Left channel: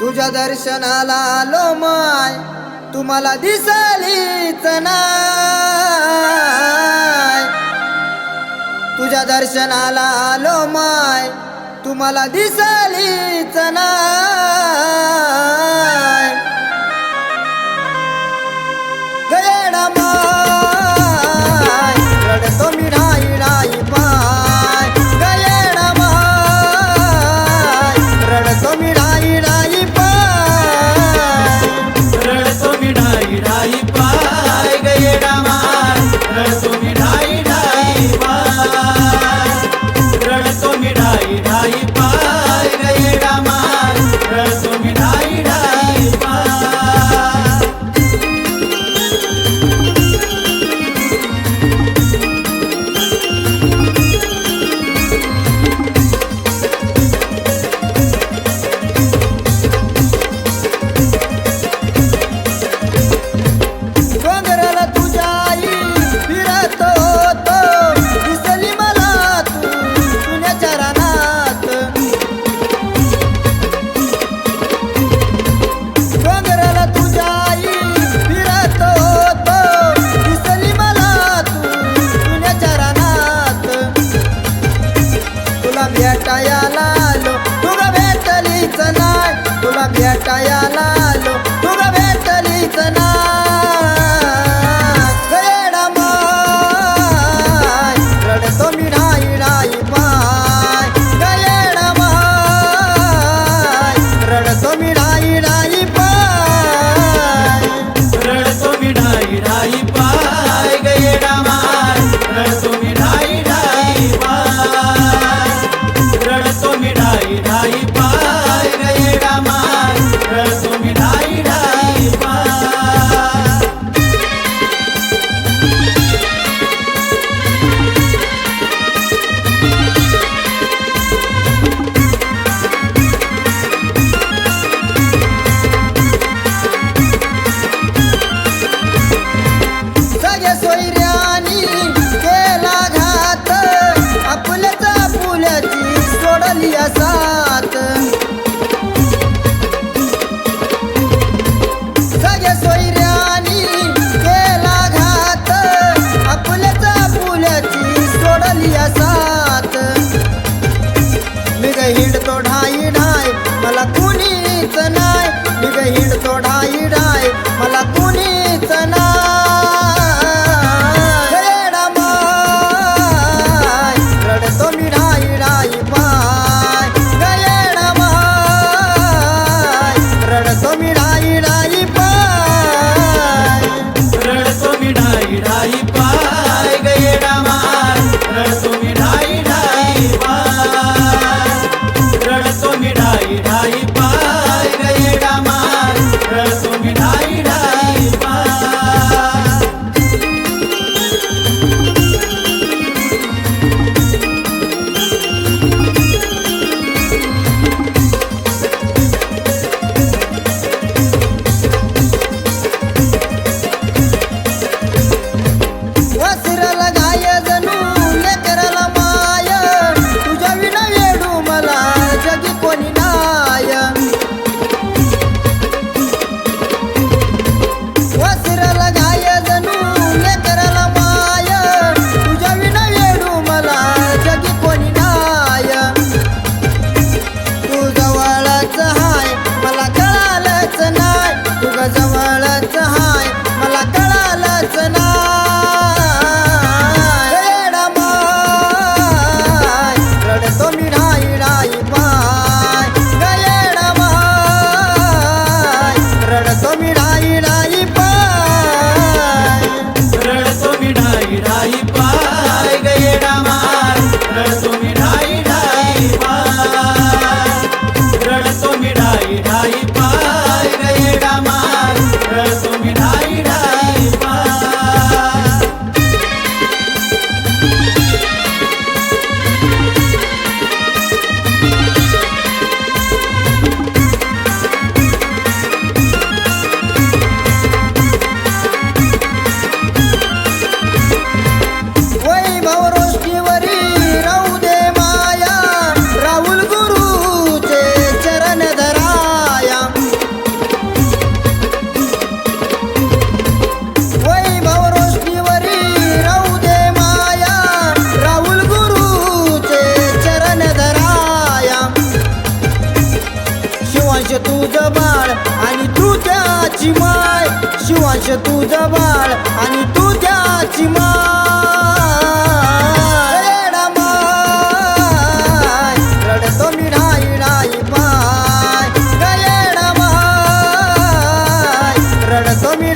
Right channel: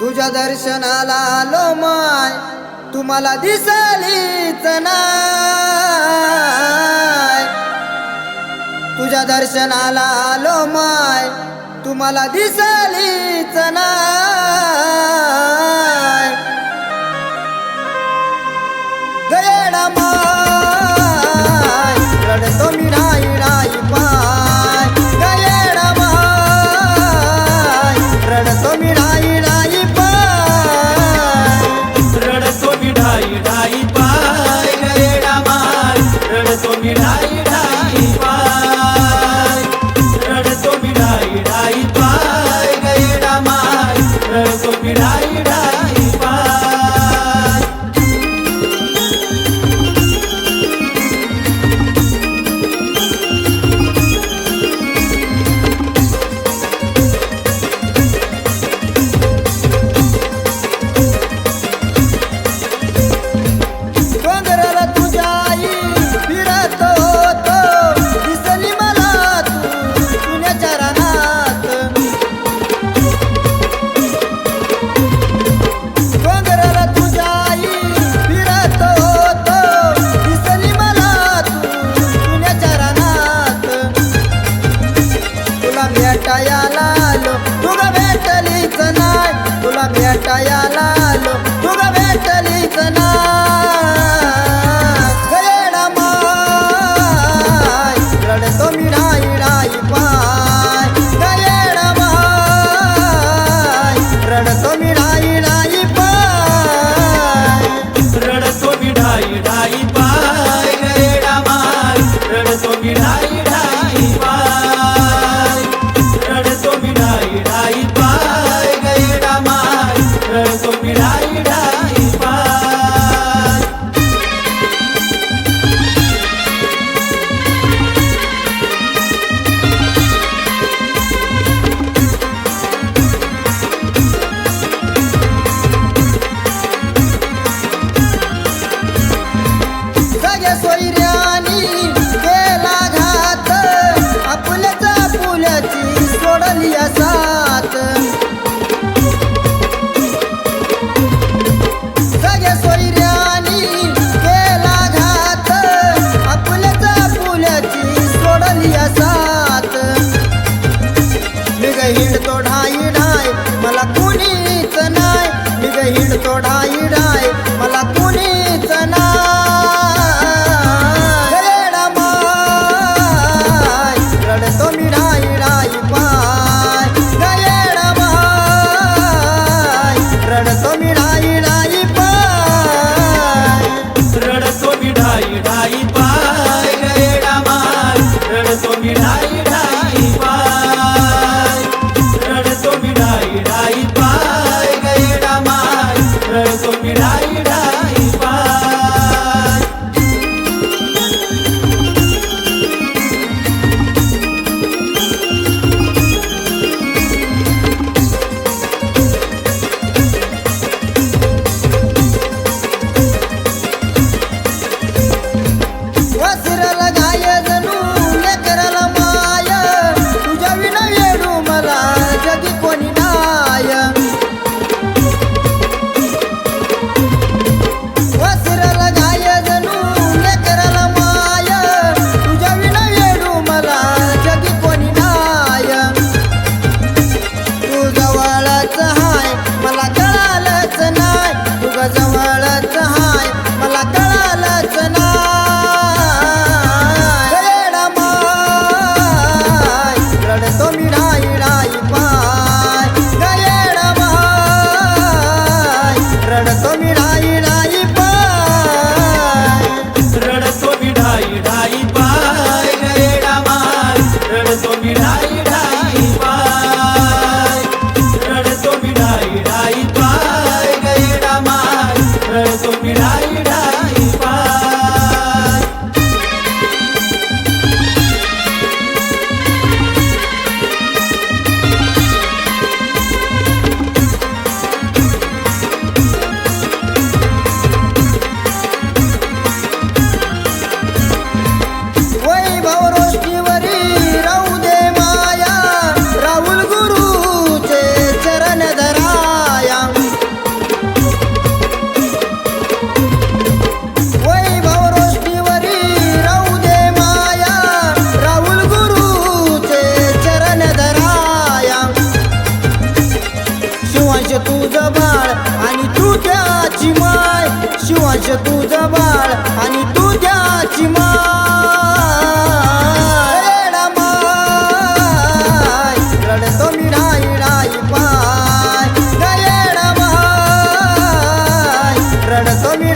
तुझ्या दर्शनाला आलो माय, तुम्हाला दिसलीच नाय. तुझ्या दर्शनाला आलो माय, तुम्हाला दिसलीच नाय. गयेडा माय, रडतो मी नाही नाही पाय. गयेडा माय, रडतो मी नाही नाही पाय. रडतो मी ढाई ढाई पाय. गयेडा माय, रडतो मी ढाई ढाई पाय. रडतो मी ढाई ढाई पाय. गयेडा माय, रडतो मी ढाई ढाई पाय. डोंगराला तुझ्या आई फिरत होतो, दिसली मला तू पुण्याच्या रानात. डोंगराला तुझ्या आई फिरत होतो, दिसली मला तू पुण्याच्या रानात. तुला भेटायला आलो, तुला भेटलीच नाय. तुला भेटायला आलो, तुला भेटलीच नाय. गयेडा माय, रडतो मी नाही नाही पाय. गयेडा माय, रडतो मी नाही नाही पाय. रडतो मी ढाई ढाई पाय. गयेडा माय, रडतो मी ढाई ढाई पाय. रडतो मी ढाई ढाई पाय. गयेडा माय, रडतो मी ढाई ढाई पाय. सगळ्या सोयऱ्यानी केला घात, आपल्याच आपुल्याची सोडली साथ. सगळ्या सोयऱ्यानी केला घात, आपल्याच आपुल्याची सोडली साथ. मी ग हिंडतो ढाई ढाय, मला कुणीच नाय. मी ग हिंडतो ढाई ढाय, मला कुणीच नाय. गयेडा माय, रडतो मी ढाई ढाई पाय. गयेडा माय, रडतो मी ढाई ढाई पाय. रडतो मी ढाई ढाई पाय. गयेडा माय, रडतो मी ढाई ढाई पाय. रडतो मी ढाई ढाई पाय. गयेडा माय, रडतो मी ढाई ढाई पाय. वासराला गाय जणू लेकराला माय, तुझ्या विना येडू मला जगी कोणी नाय. वासराला गाय जणू लेकराला माय, तुझ्या विना येडू मला जगी कोणी नाय. तू जवळच हाय, मला कळालंच नाय. तू ग जवळच हाय, मला कळालंच नाय. गयेडा माय, रडतो मी ढाई ढाई पाय. गयेडा माय, रडतो मी ढाई ढाई पाय. रडतो मी ढाई ढाई पाय. गयेडा माय, रडतो मी ढाई ढाई पाय. रडतो मी ढाई ढाई पाय. गयेडा माय, रडतो मी ढाई ढाई पाय. चरण धराया तुझं बाळ आणि तू त्याची माय, शिवांश तुझं बाळ आणि तू त्याची माय. येडा माय रडतो मी ढाई ढाई पाय, येडा माय रडतो मी